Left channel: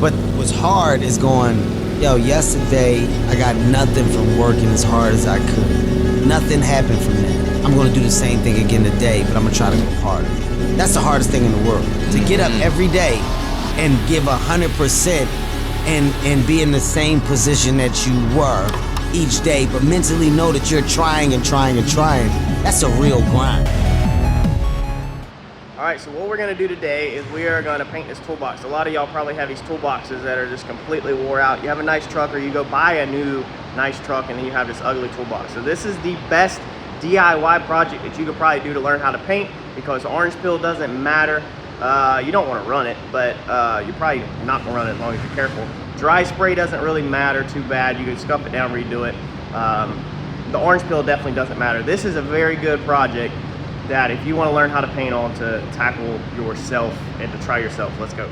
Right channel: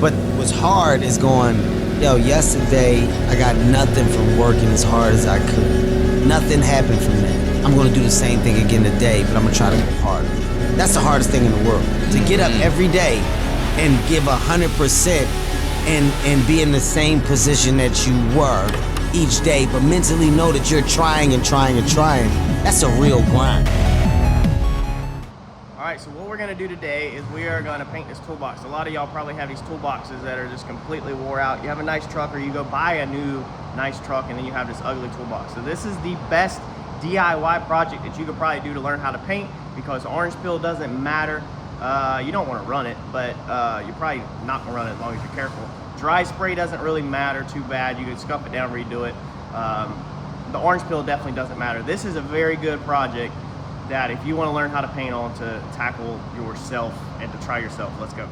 But what's hard is going, yo, yesterday I got nothing from working as hard as I could. Nothing happened from that. I'm gonna do the same thing again today, but I'm gonna try to go harder. That's the hardest thing in the world. To get up every day and give 100% and be in the same position that you were each day, but mentally know that you're trying and trying and trying. That's a real grind. Alright, so what we're going to do today is we are going to paint this toolbox. A lot of y'all probably have these toolboxes that are just completely wore out. You have a nice truck, or you go buy a new nice truck and then you have this ugly toolbox. So this is the best DIY project that you could probably do to learn how to paint, because orange peel doesn't matter. You don't want to run it, but you're probably not going to run it as long as you're careful. Dry spray doesn't really matter too bad. You can scuff it down, redo it. The orange peel definitely doesn't matter. This is a very good project that if you want to learn how to paint on, to tackle yourself and to try yourself. Let's go.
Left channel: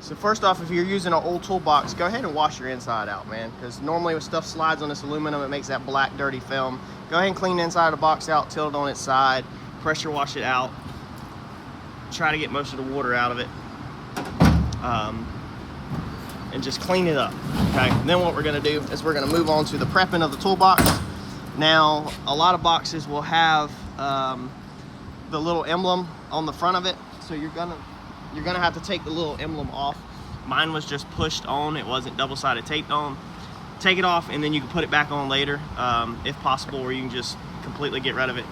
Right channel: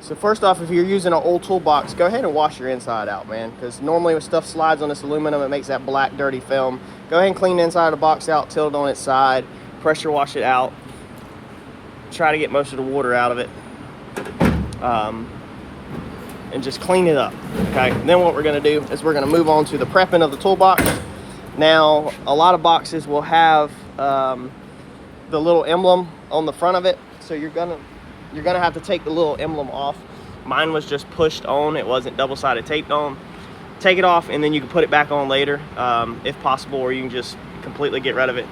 So first off, if you're using an old toolbox, go ahead and wash your inside out, man, because normally when stuff slides on this aluminum, it makes that black dirty film. Go ahead and clean the inside of the box out, tilt it on its side, pressure wash it out, try to get most of the water out of it, and just clean it up. Okay, and then what we're going to do is we're going to move on to the prepping of the toolbox. Now, a lot of boxes will have the little emblem on the front of it, so you're gonna have to take the little emblem off. Mine was just pushed on, it wasn't double-sided taped on. Take it off and then you can put it back on later, if possible, or you can just completely get rid of it.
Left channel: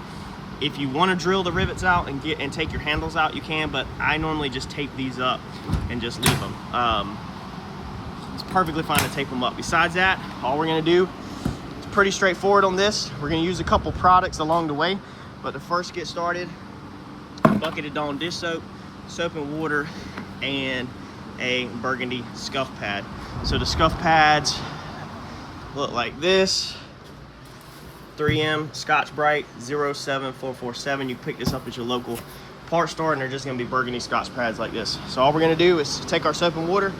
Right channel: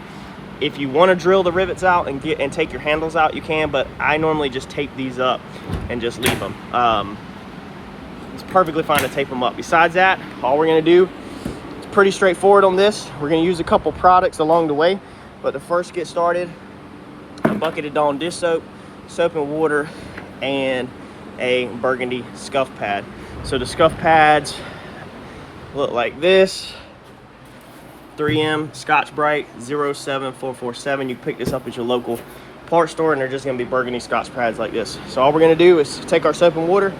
If you want to drill the rivets out and take your handles out, you can, but I normally just tape these up and just leave them. It's perfectly fine to tape them up. Besides that, all we're going to do, it's pretty straightforward on this. We're going to use a couple products along the way, but to first get started, a bucket of Dawn dish soap, soap and water, and a burgundy scuff pad. So the scuff pads look like this. 3M Scotch Brite 07447. You can pick this up at your local part store, and they're just going to be burgundy Scotch pads like this. So all we're going to do is take our soap and water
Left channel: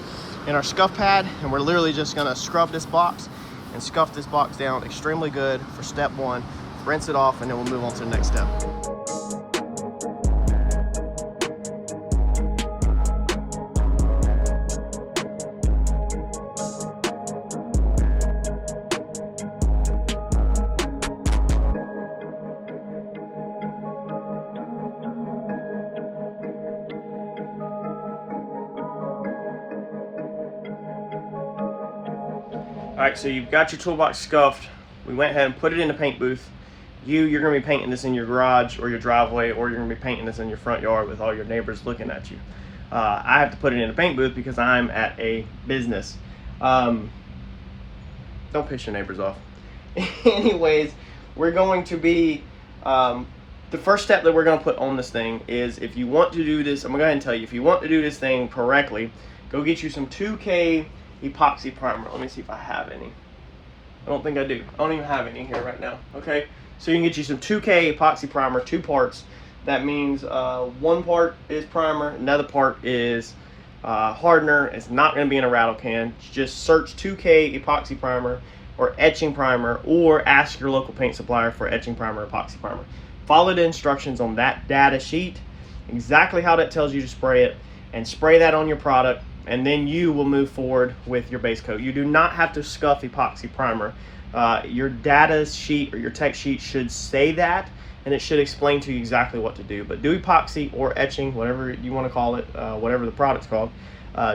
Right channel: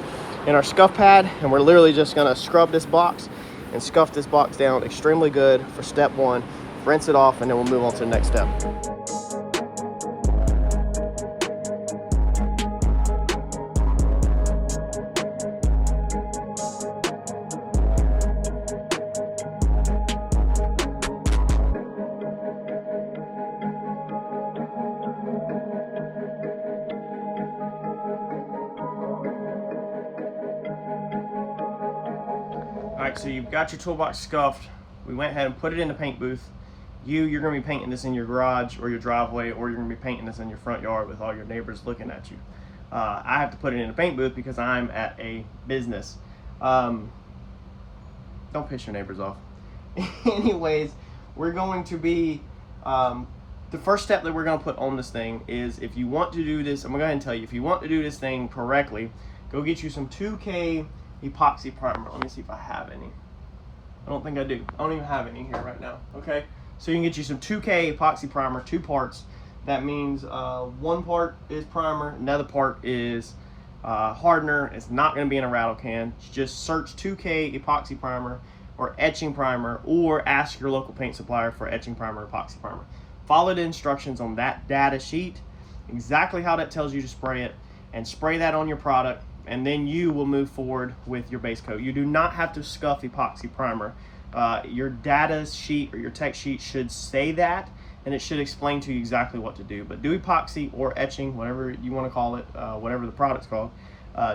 and our scuff pad, and we're literally just going to scrub this box and scuff this box down extremely good for step one. Rinse it off, and then we'll move on to the next step. Alright, so you've got your toolbox scuffed. We went ahead and put it in the paint booth. You're going to be painting this in your garage or your driveway, or you're going to be painting this in your front yard with all your neighbors looking at you. I have to put it in a paint booth because I'm at a business. Don't piss your neighbors off. Anyways, we're going to be, the first step that we're going to put on this thing is, if you want to do this, I'm going to go ahead and tell you, if you want to do this thing correctly, go get you some 2K epoxy primer. Let me see if I have any. I don't think I do. I don't even have any here right now. Okay, so you can get you some 2K epoxy primer, 2 parts. That means one part is primer, another part is hardener. It's not going to be in a rattle can. Just search 2K epoxy primer or etching primer, or ask your local paint supplier for etching primer or epoxy primer. Follow the instructions on that data sheet, exactly how that tells you to spray it, and spray that on your product, and then you will move forward with your base coat. You do not have to scuff epoxy primer. Your data sheet or your tech sheet should say that, and it should explain to you exactly what to do. But do epoxy or etching, whatever you want to call it, whatever the product's called.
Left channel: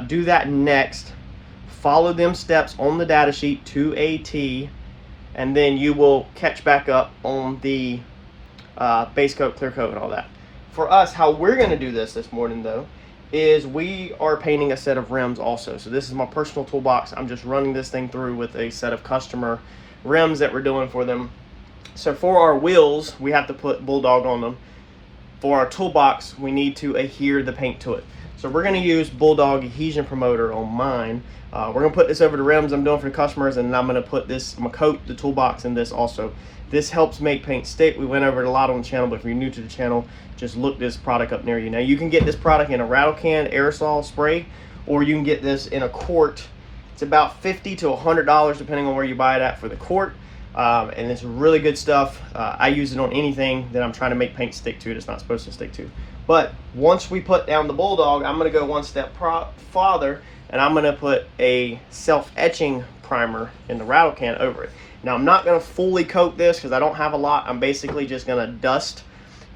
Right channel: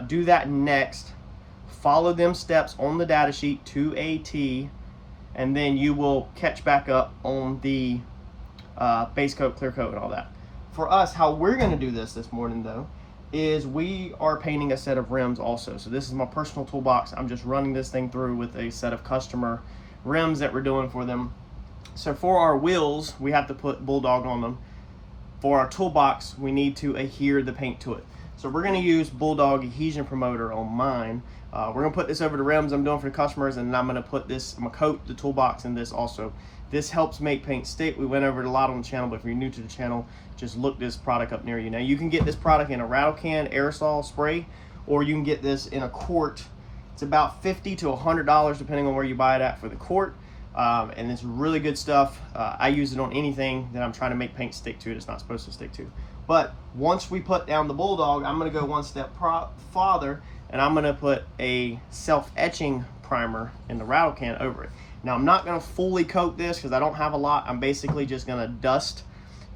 Do that next. Follow them steps on the data sheet to a T, and then you will catch back up on the base coat, clear coat, and all that. For us, how we're going to do this morning, though, is we are painting a set of rims also. So this is my personal toolbox. I'm just running this thing through with a set of customer rims that we're doing for them. So for our wheels, we have to put Bulldog on them. For our toolbox, we need to adhere the paint to it. So we're going to use Bulldog Adhesion Promoter on mine. We're going to put this over the rims I'm doing for the customers, and then I'm going to put this, I'm going to coat the toolbox in this also. This helps make paint stick. We went over it a lot on the channel, but if you're new to the channel, just look this product up near you. Now you can get this product in a rattle can aerosol spray, or you can get this in a quart. It's about $50 to $100 depending on where you buy it at for the quart. And it's really good stuff. I use it on anything that I'm trying to make paint stick to. It's not supposed to stick to. But once we put down the Bulldog, I'm going to go one step farther, and I'm gonna put a self-etching primer in the rattle can over it. Now I'm not gonna fully coat this because I don't have a lot. I'm basically just gonna dust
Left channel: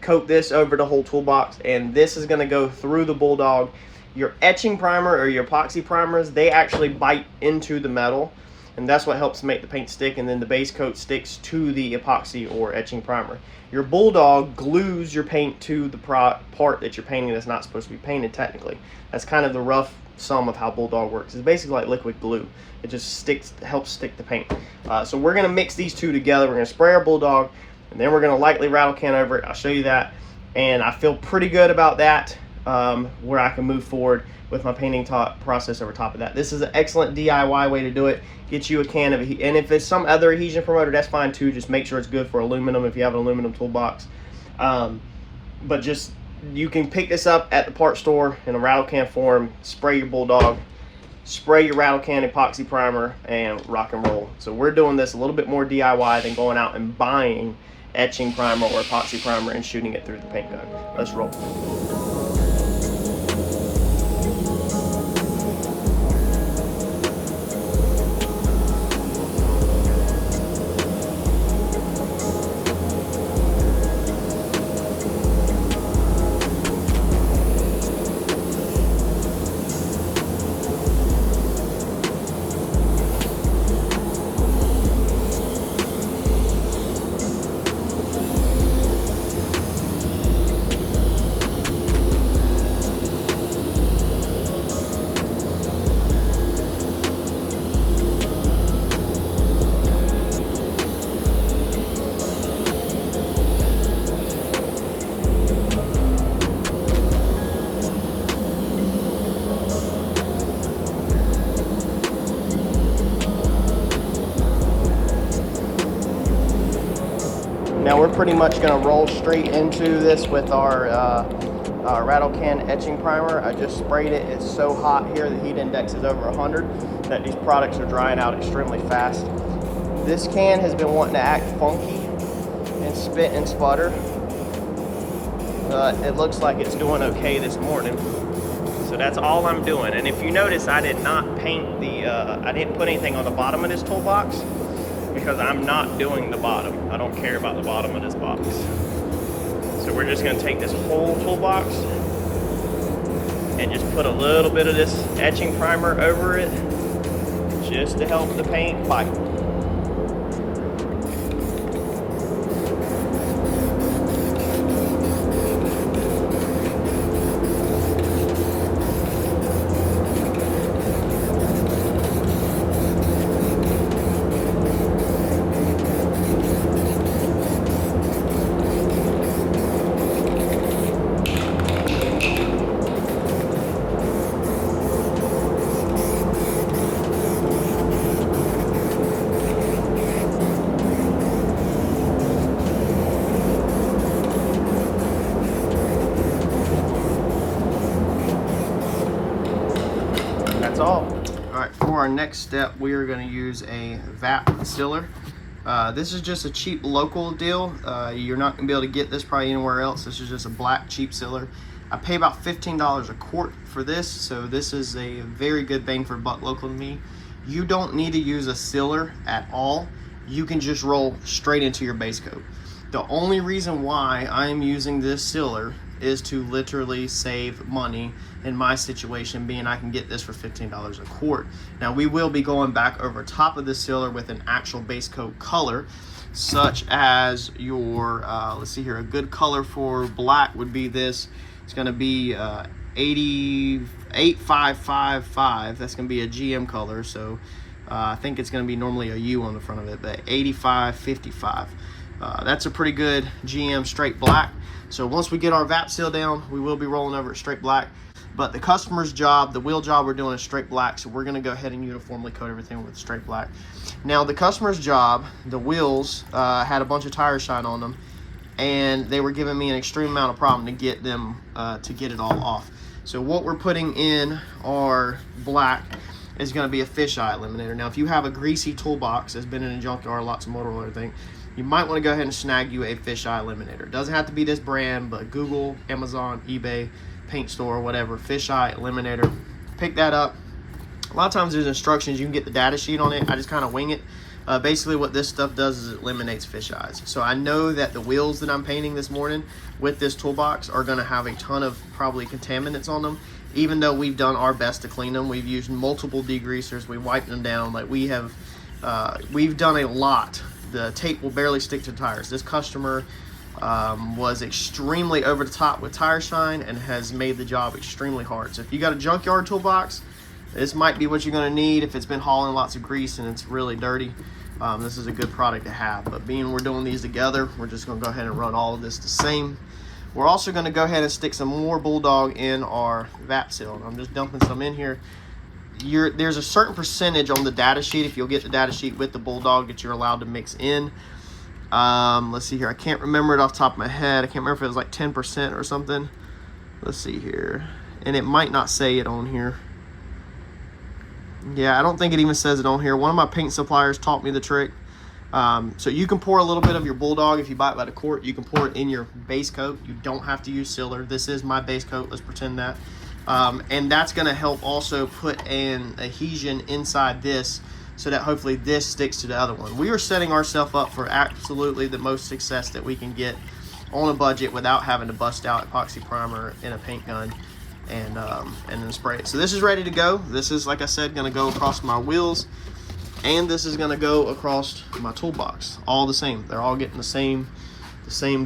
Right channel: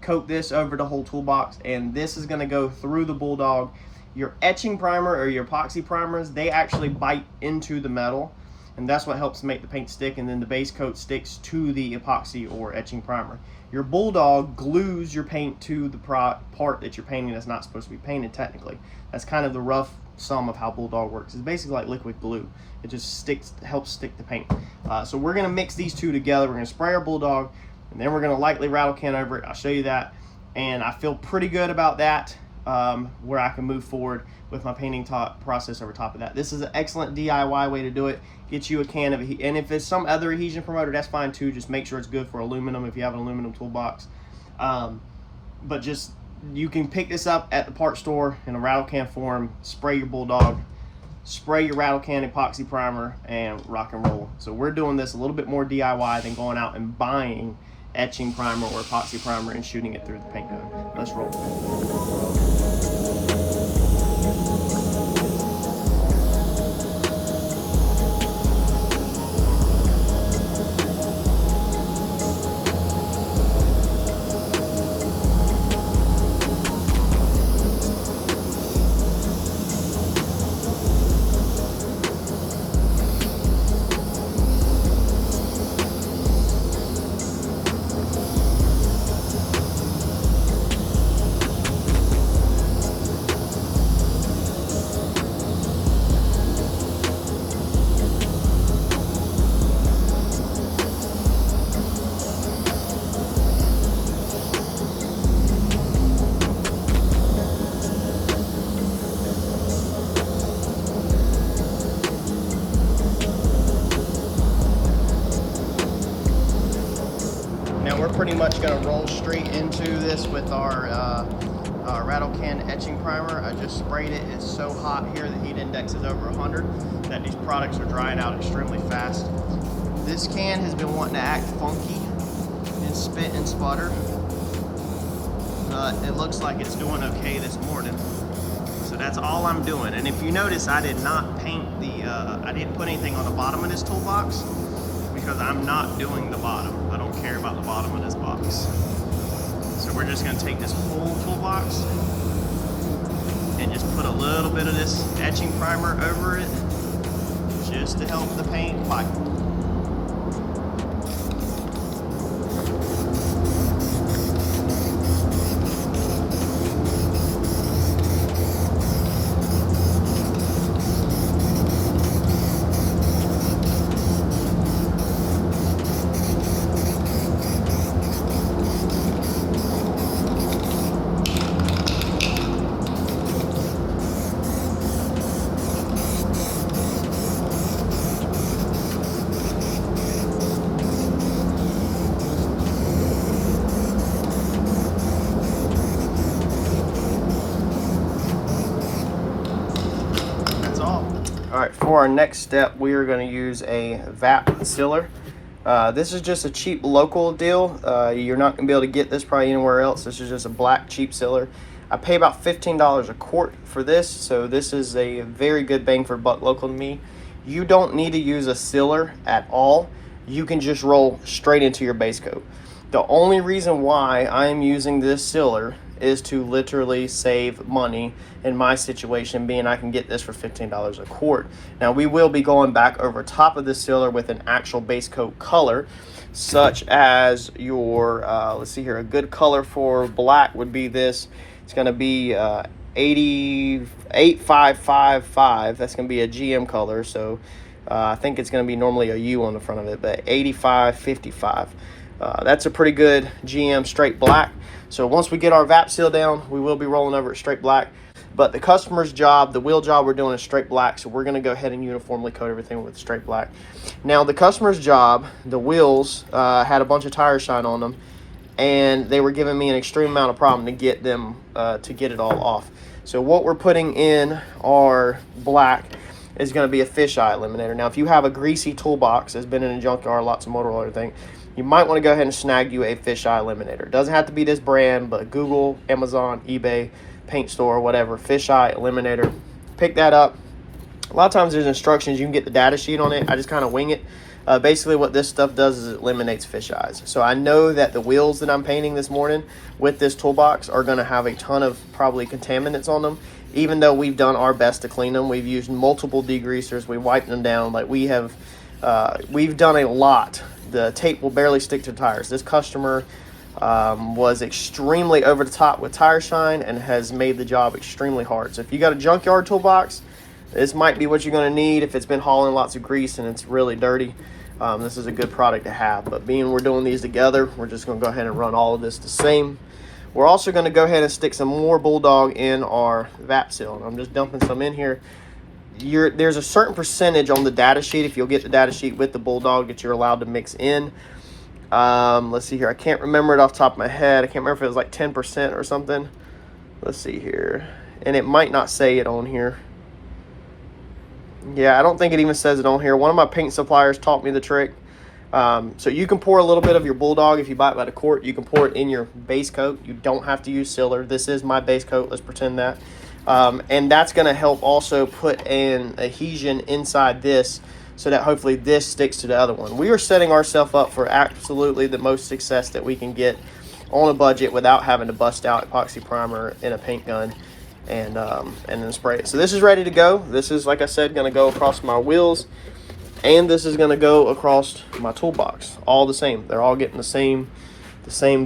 coat this over the whole toolbox, and this is gonna go through the Bulldog. Your etching primer or your epoxy primers, they actually bite into the metal, and that's what helps make the paint stick, and then the base coat sticks to the epoxy or etching primer. Your Bulldog glues your paint to the part that you're painting that's not supposed to be painted technically. That's kind of the rough sum of how Bulldog works. It's basically like liquid glue. It just helps stick the paint. So we're gonna mix these two together. We're gonna spray our Bulldog, and then we're gonna lightly rattle can over it. I'll show you that, and I feel pretty good about that, where I can move forward with my painting process over top of that. This is an excellent DIY way to do it. Get you a can of, and if it's some other adhesion promoter, that's fine too. Just make sure it's good for aluminum if you have an aluminum toolbox. But just, you can pick this up at the part store in a rattle can form, spray your Bulldog, spray your rattle can epoxy primer, and rock and roll. So we're doing this a little bit more DIY than going out and buying etching primer or epoxy primer and shooting it through the paint gun. Let's roll. Now we're pretty much going to roll straight into this with our rattle can etching primer. I just sprayed it. It's so hot here, the heat index is over 100, that these products are drying out extremely fast. This can has been wanting to act funky and spit and sputter. It looks like it's doing okay this morning. So that's all I'm doing. And if you notice, I did not paint the, I didn't put anything on the bottom of this toolbox, because I'm not doing the bottom. I don't care about the bottom of this box. So we're just gonna take this whole toolbox and just put a little bit of this etching primer over it, just to help the paint bite. All right, for our next step, we are going to use a VAP sealer. This is just a cheap local deal. You're not going to be able to get this probably anywhere else. This is just a black cheap sealer. I pay about $15 a quart for this, so this is a very good bang for buck local to me. You don't need to use a sealer at all. You can just roll straight into your base coat. The only reason why I'm using this sealer is to literally save money in my situation, being I can get this for $15 a quart. Now we will be going back over top of the sealer with an actual base coat color, such as your, let's see here, a good color for black would be this. It's gonna be 88555. That's gonna be a GM color, so I think it's gonna be normally a U on the front of it, but 8555. That's a pretty good GM straight black. So once we get our VAP seal down, we will be rolling over it straight black. But the customer's job, the wheel job we're doing is straight black, so we're gonna go ahead and uniformly coat everything with straight black. Now the customer's job, the wheels had a bunch of tire shine on them, and they were giving me an extreme amount of problem to get them, to get it all off. So what we're putting in our black is gonna be a fisheye eliminator. Now if you have a greasy toolbox that's been in a junkyard, lots of motor oil, everything, you might want to go ahead and snag you a fisheye eliminator. It doesn't have to be this brand, but Google, Amazon, eBay, paint store, whatever, fisheye eliminator. Pick that up. A lot of times there's instructions, you can get the data sheet on it. I just kind of wing it. Basically what this stuff does is it eliminates fish eyes. So I know that the wheels that I'm painting this morning with this toolbox are going to have a ton of probably contaminants on them, even though we've done our best to clean them. We've used multiple degreasers, we wiped them down, like we've done a lot. The tape will barely stick to tires. This customer was extremely over the top with tire shine and has made the job extremely hard. So if you got a junkyard toolbox, this might be what you're going to need if it's been hauling lots of grease and it's really dirty. This is a good product to have, but being we're doing these together, we're just going to go ahead and run all of this the same. We're also going to go ahead and stick some more Bulldog in our VAP seal. I'm just dumping some in here. There's a certain percentage on the data sheet, if you'll get the data sheet with the Bulldog, that you're allowed to mix in. Let's see here, I can't remember it off the top of my head. I can't remember if it was like 10% or something. Let's see here, and it might not say it on here. Yeah, I don't think it even says it on here. One of my paint suppliers taught me the trick. So you can pour a little bit of your Bulldog if you buy it by the quart. You can pour it in your base coat. You don't have to use sealer. This is my base coat, let's pretend that. And that's going to help also put an adhesion inside this so that hopefully this sticks to the other one. We are setting ourselves up for absolutely the most success that we can get on a budget without having to bust out epoxy primer in a paint gun and then spray it. So this is ready to go. This is, like I said, going to go across my wheels, and this is going to go across my toolbox. All the same. They're all getting the same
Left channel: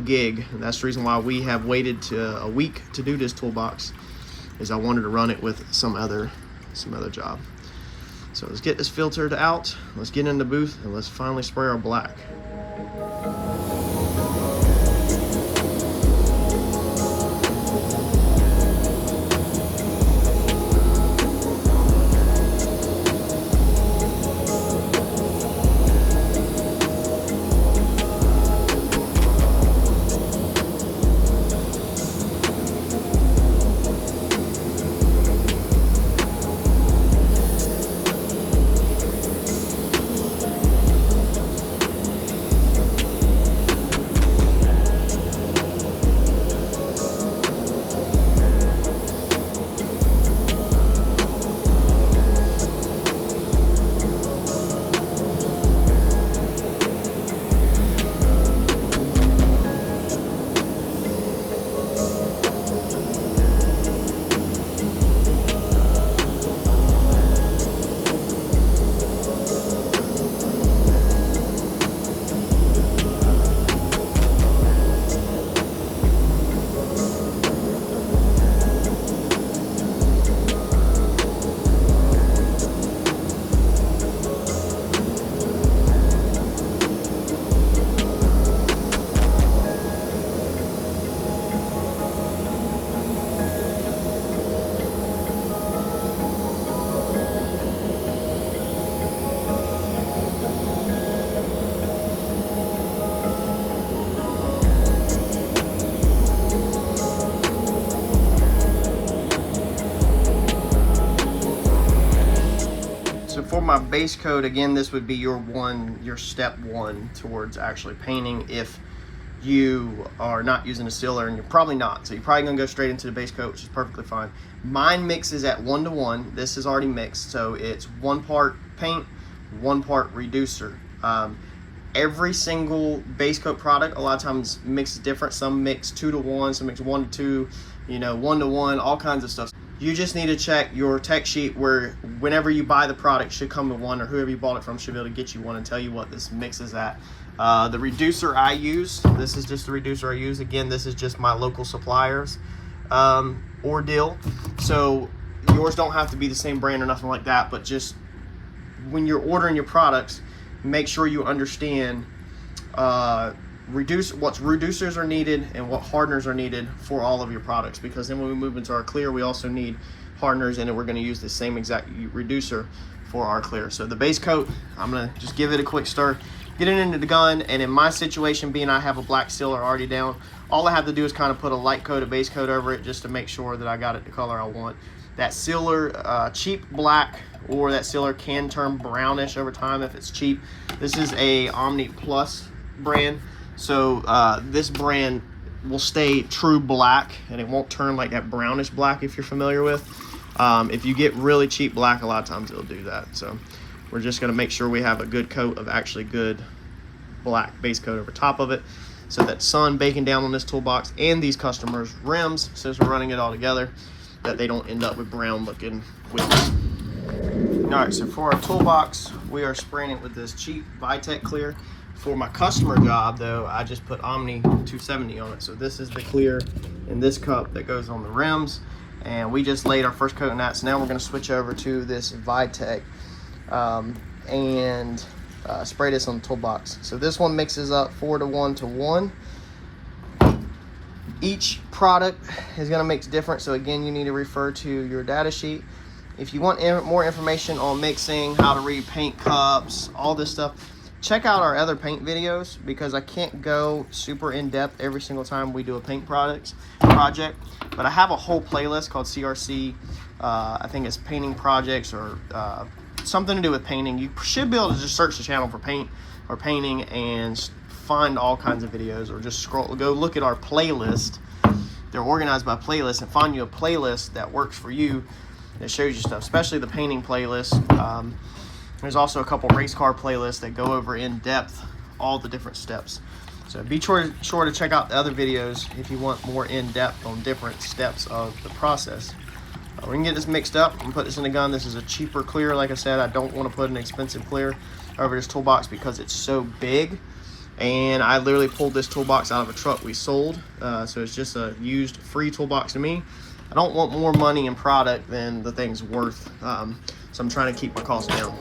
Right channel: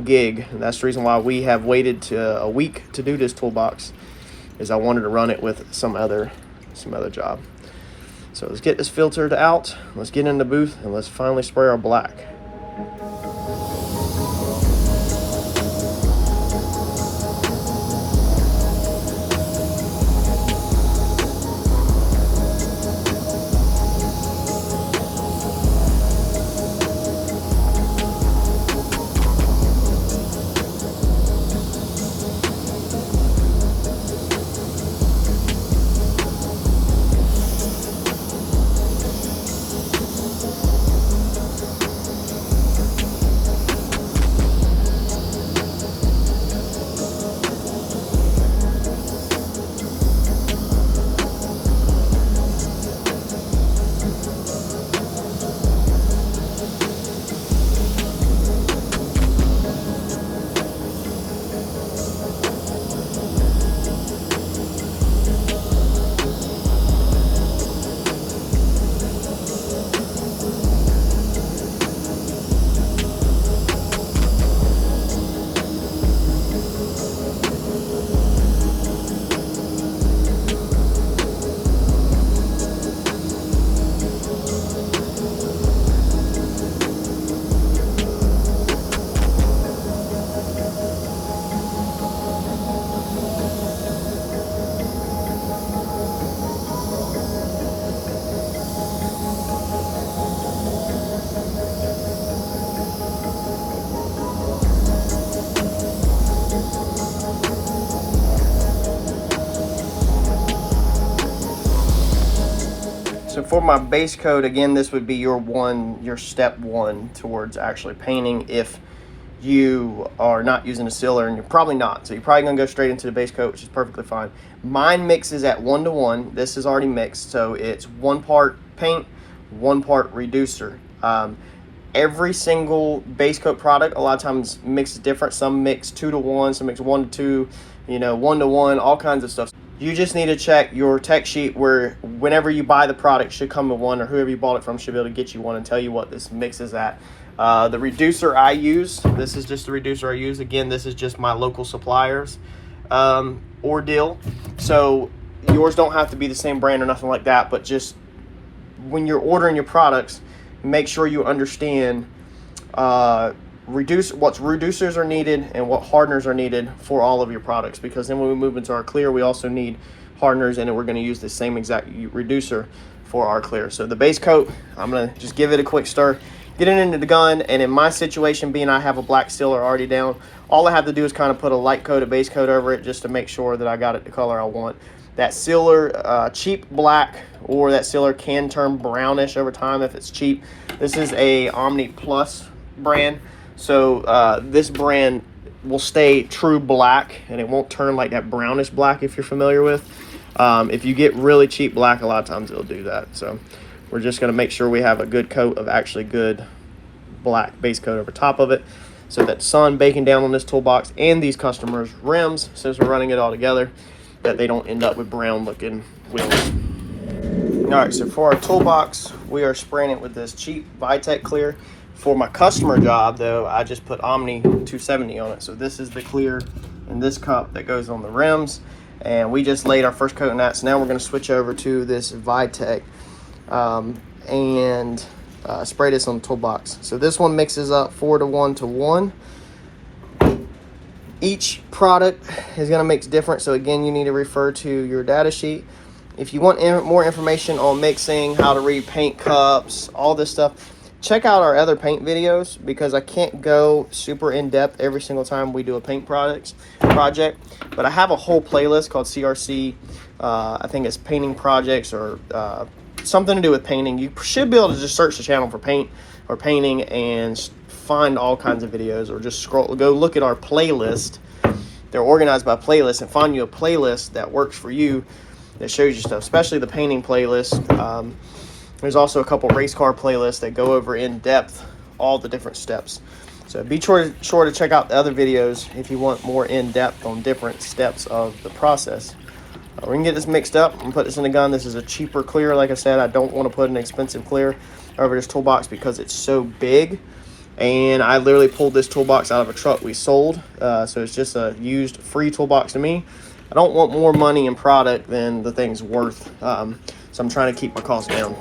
gig, and that's the reason why we have waited to a week to do this toolbox, is I wanted to run it with some other job. So let's get this filtered out. Let's get in the booth and let's finally spray our black. For my base coat, again, this would be your step one towards actually painting if you are not using a sealer, and you're probably not. So you're probably gonna go straight into the base coat, which is perfectly fine. Mine mixes at 1:1. This is already mixed, so it's 1 part paint, 1 part reducer. Every single base coat product a lot of times mixes different. Some mix 2:1, some mix 1:2, 1:1, all kinds of stuff. You just need to check your tech sheet where whenever you buy the product should come with one, or whoever you bought it from should be able to get you one and tell you what this mix is at. The reducer I use, this is just the reducer I use. Again, this is just my local suppliers ordeal. So yours don't have to be the same brand or nothing like that, but just when you're ordering your products, make sure you understand what reducers are needed and what hardeners are needed for all of your products, because then when we move into our clear, we also need hardeners, and we're going to use the same exact reducer for our clear. So the base coat, I'm going to just give it a quick stir, get it into the gun, and in my situation, being I have a black sealer already down, all I have to do is kind of put a light coat of base coat over it just to make sure that I got it the color I want. That sealer, cheap black, or that sealer can turn brownish over time if it's cheap. This is a Omni Plus brand. So this brand will stay true black, and it won't turn like that brownish black if you're familiar with. If you get really cheap black, a lot of times it'll do that. So we're just going to make sure we have a good coat of actually good black base coat over top of it, so that sun baking down on this toolbox and these customers' rims, since we're running it all together, that they don't end up with brown looking wheels. All right, so for our toolbox, we are spraying it with this cheap Vitek clear. For my customer job though, I just put Omni 270 on it. So this is the clear in this cup that goes on the rims, and we just laid our first coat on that. So now we're gonna switch over to this Vitek and spray this on the toolbox. So this one mixes up 4:1 to 1. Each product is going to mix different, so again, you need to refer to your data sheet. If you want more information on mixing, how to read paint cups, all this stuff, check out our other paint videos, because I can't go super in depth every single time we do a paint project. But I have a whole playlist called CRC, I think it's painting projects, or something to do with painting. You should be able to just search the channel for paint or painting and find all kinds of videos, or just go look at our playlist. They're organized by playlist, and find you a playlist that works for you, that shows you stuff, especially the painting playlist. There's also a couple race car playlists that go over in depth all the different steps. So be sure to check out the other videos if you want more in depth on different steps of the process. We're gonna get this mixed up and put this in the gun. This is a cheaper clear. Like I said, I don't want to put an expensive clear over this toolbox because it's so big. And I literally pulled this toolbox out of a truck we sold. So it's just a used free toolbox to me. I don't want more money in product than the thing's worth. So I'm trying to keep my costs down.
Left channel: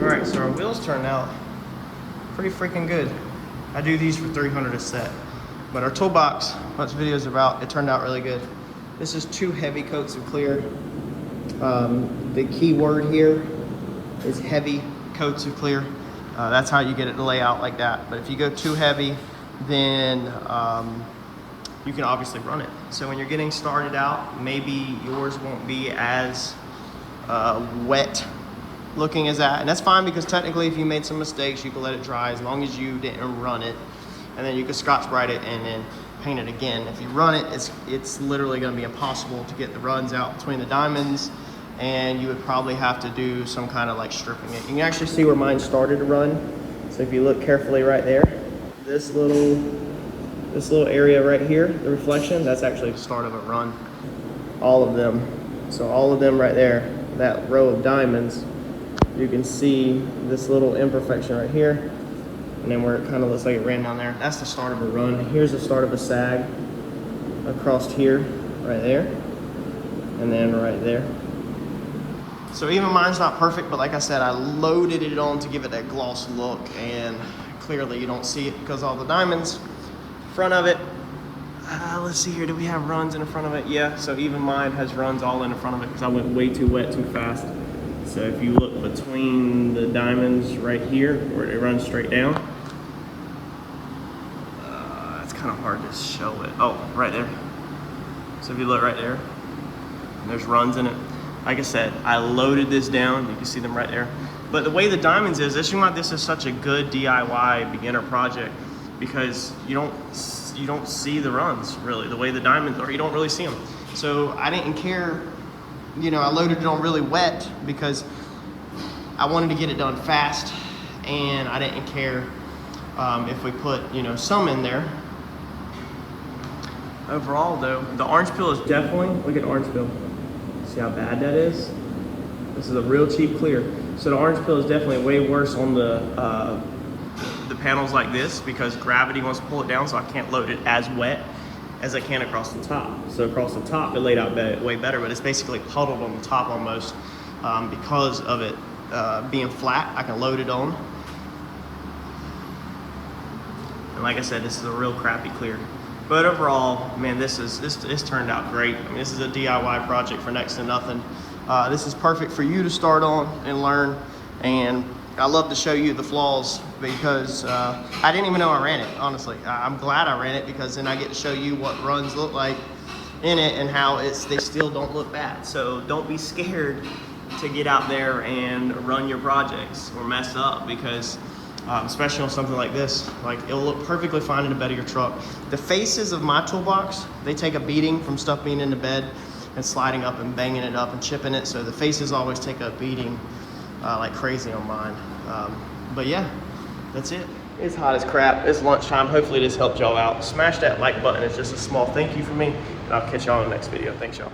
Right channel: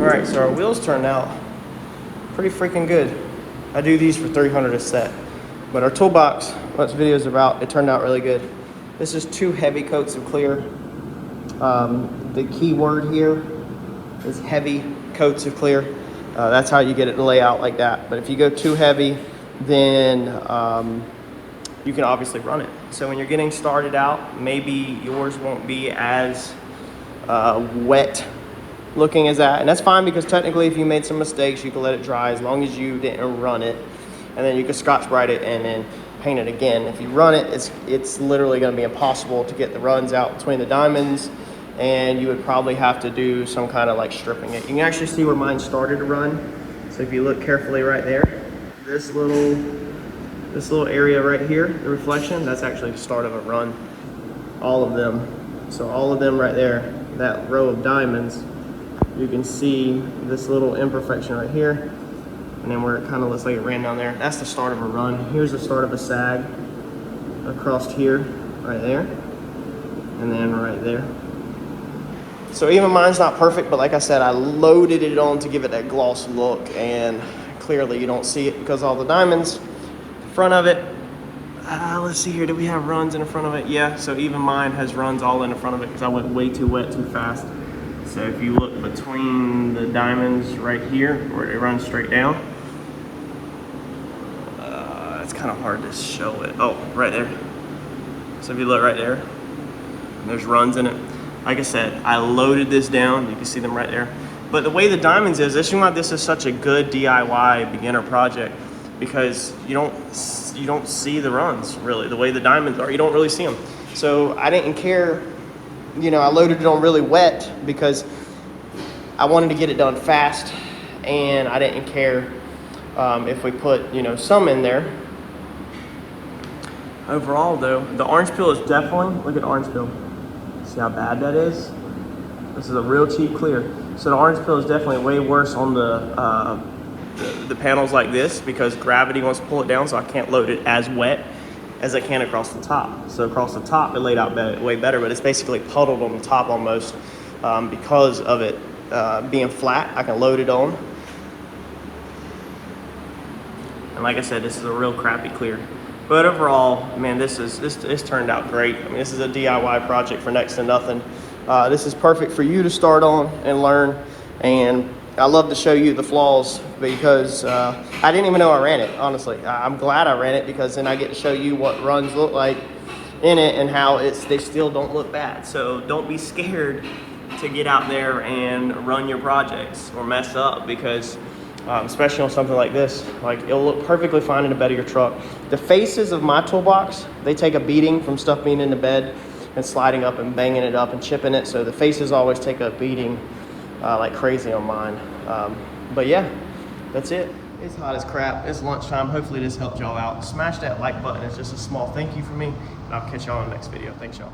Alright, so our wheels turned out pretty freaking good. I do these for $300 a set. But our toolbox, what this video is about, it turned out really good. This is 2 heavy coats of clear. The key word here is heavy coats of clear. That's how you get it to lay out like that. But if you go too heavy, then you can obviously run it. So when you're getting started out, maybe yours won't be as wet looking as that, and that's fine, because technically if you made some mistakes, you can let it dry as long as you didn't run it, and then you can Scotch-Brite it and then paint it again. If you run it, it's literally going to be impossible to get the runs out between the diamonds, and you would probably have to do some kind of like stripping it. You can actually see where mine started to run. So if you look carefully right there, this little area right here, the reflection, that's actually the start of a run. All of them. So all of them right there, that row of diamonds, you can see this little imperfection right here, and then where it kind of looks like it ran down there. That's the start of a run. Here's the start of a sag across here, right there, and then right there. So even mine's not perfect, but like I said, I loaded it on to give it that gloss look, and clearly you don't see it because all the diamonds in front of it. Let's see here, do we have runs in the front of it? Yeah, so even mine has runs all in the front of it because I went way too wet too fast. So if you look between the diamonds right here, where it runs straight down, it's kind of hard to show it. Oh, right there. So if you look right there, there's runs in it. Like I said, I loaded this down. You can see them right there. But the way the diamonds is, this is why this is such a good DIY beginner project, because you don't see the runs really. The way the diamonds are, you don't really see them. So I didn't care. You know, I loaded it on really wet because I wanted to get it done fast, and I didn't care if we put, you know, some in there. Overall though, the orange peel is definitely, look at orange peel. See how bad that is? This is a real cheap clear. So the orange peel is definitely way worse on the panels like this, because gravity wants to pull it down, so I can't load it as wet as I can across the top. So across the top it laid out way better, but it's basically puddled on the top almost because of it being flat. I can load it on. And like I said, this is a real crappy clear. But overall, man, this turned out great. I mean, this is a DIY project for next to nothing. This is perfect for you to start on and learn. And I love to show you the flaws because I didn't even know I ran it, honestly. I'm glad I ran it because then I get to show you what runs look like in it and how they still don't look bad. So don't be scared to get out there and run your projects or mess up, because especially on something like this, like it'll look perfectly fine in the bed of your truck. The faces of my toolbox, they take a beating from stuff being in the bed and sliding up and banging it up and chipping it. So the faces always take a beating like crazy on mine. But yeah, that's it. It's hot as crap. It's lunchtime. Hopefully this helped y'all out. Smash that like button. It's just a small thank you from me. And I'll catch y'all in the next video. Thanks, y'all.